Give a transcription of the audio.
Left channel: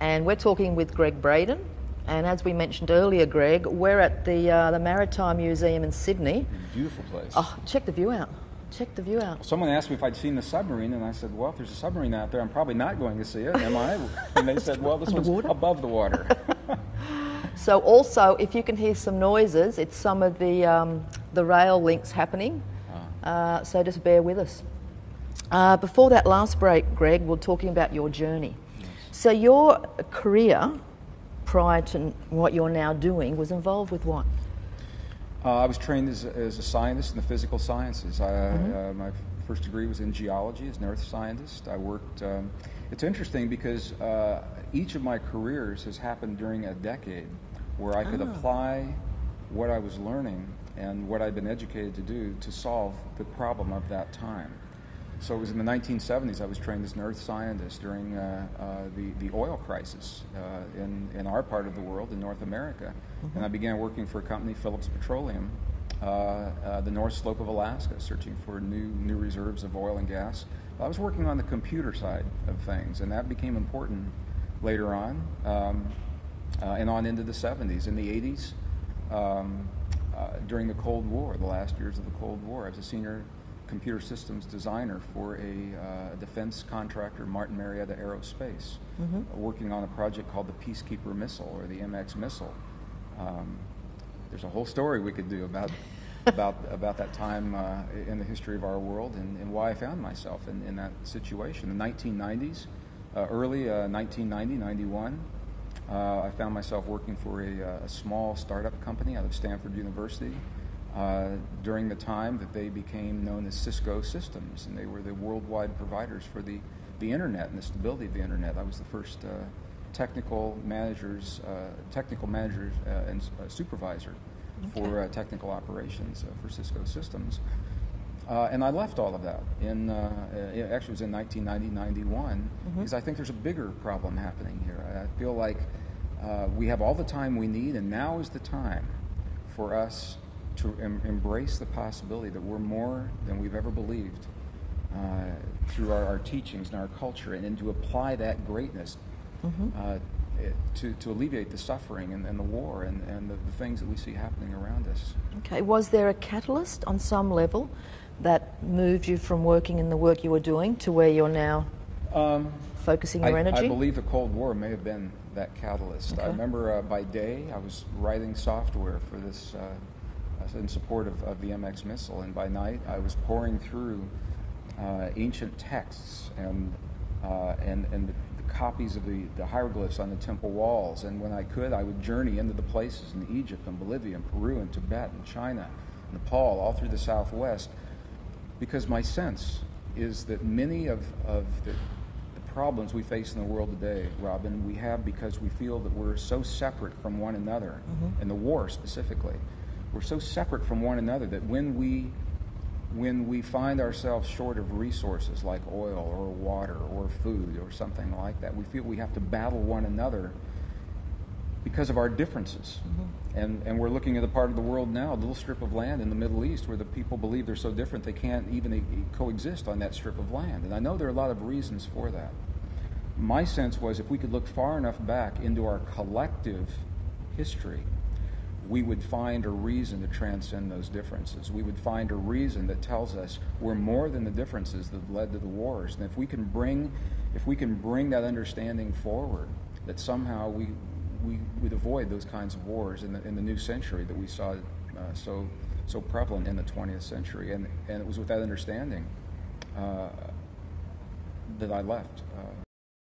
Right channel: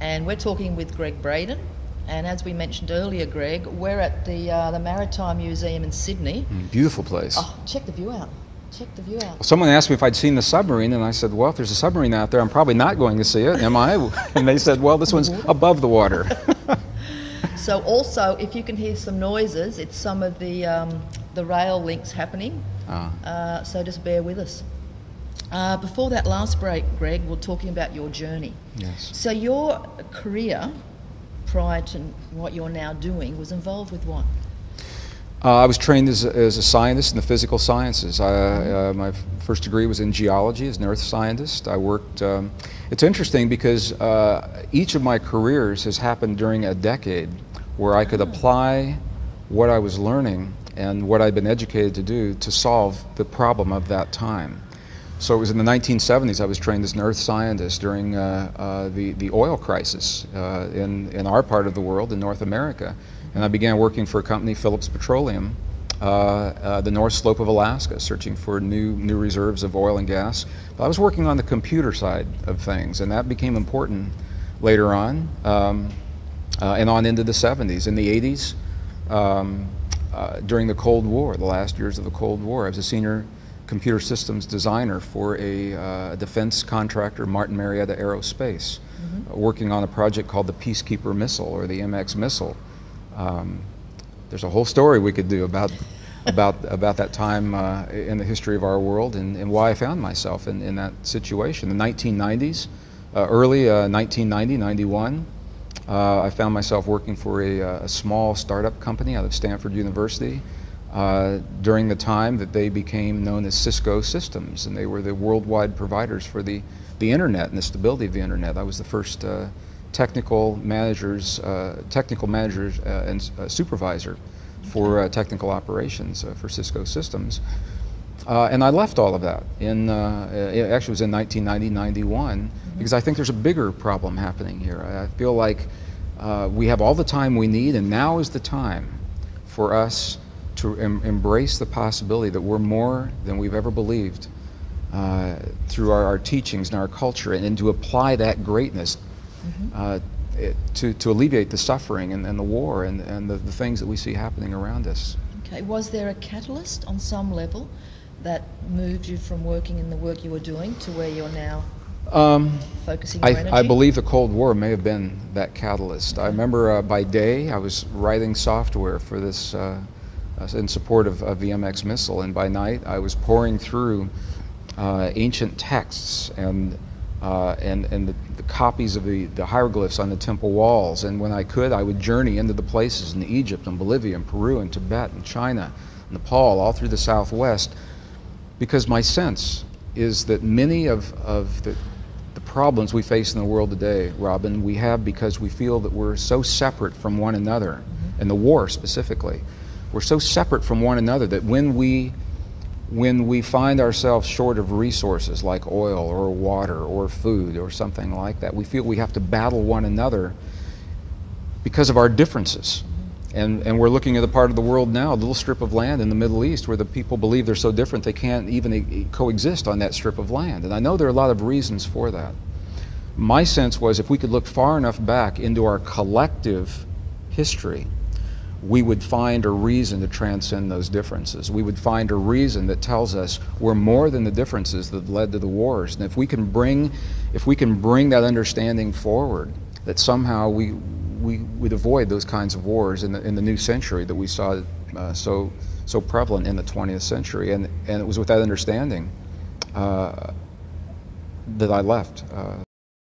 and we're talking with Gregg Braden. And as we mentioned earlier, Greg, we're at the Maritime Museum in Sydney. Beautiful place. Oh, check the view out. Check the view out. Someone asked me if I'd seen the submarine, and I said, well, if there's a submarine out there, I'm probably not going to see it, am I? And they said, well, this one's above the water. So also, if you can hear some noises, it's some of the rail links happening. So just bear with us. Before that last break, Greg, we're talking about your journey. Yes. So your career, prior to what you're now doing, was involved with what? I was trained as a scientist in the physical sciences. My first degree was in geology as an earth scientist. I worked, it's interesting because each of my careers has happened during a decade where I could apply what I was learning and what I'd been educated to do to solve the problem of that time. So it was in the 1970s I was trained as an earth scientist during the oil crisis in our part of the world, in North America. And I began working for a company, Phillips Petroleum, the North Slope of Alaska, searching for new reserves of oil and gas. But I was working on the computer side of things, and that became important later on, and on into the 70s. In the 80s, during the Cold War, the last years of the Cold War, I was a senior computer systems designer for a defense contractor, Martin Marietta Aerospace, working on a project called the Peacekeeper Missile, or the MX missile. There's a whole story we could do about that time in the history of our world and why I found myself in that situation. The 1990s, early 1990, 91, I found myself working for a small startup company out of Stanford University during the time that they became known as Cisco Systems, and they were the worldwide providers for the internet and the stability of the internet. I was the first technical managers and supervisor for technical operations for Cisco Systems. And I left all of that it actually was in 1990-91 because I think there's a bigger problem happening here. I feel like we have all the time we need, and now is the time for us to embrace the possibility that we're more than we've ever believed through our teachings and our culture, and to apply that greatness to alleviate the suffering and the war and the things that we see happening around us. Okay, was there a catalyst on some level that moved you from working in the work you were doing to where you're now focusing your energy? I believe the Cold War may have been that catalyst. I remember by day I was writing software for this in support of the MX missile, and by night I was pouring through ancient texts and the copies of the hieroglyphs on the temple walls, and when I could, I would journey into the places in Egypt and Bolivia and Peru and Tibet and China, Nepal, all through the Southwest, because my sense is that many of the problems we face in the world today, Robyn, we have because we feel that we're so separate from one another, and the war specifically. We're so separate from one another that when we find ourselves short of resources like oil or water or food or something like that, we feel we have to battle one another because of our differences. And we're looking at a part of the world now, a little strip of land in the Middle East, where the people believe they're so different they can't even coexist on that strip of land. And I know there are a lot of reasons for that. My sense was if we could look far enough back into our collective history, we would find a reason to transcend those differences. We would find a reason that tells us we're more than the differences that led to the wars. And if we can bring that understanding forward, that somehow we would avoid those kinds of wars in the new century that we saw so prevalent in the 20th century. And it was with that understanding that I left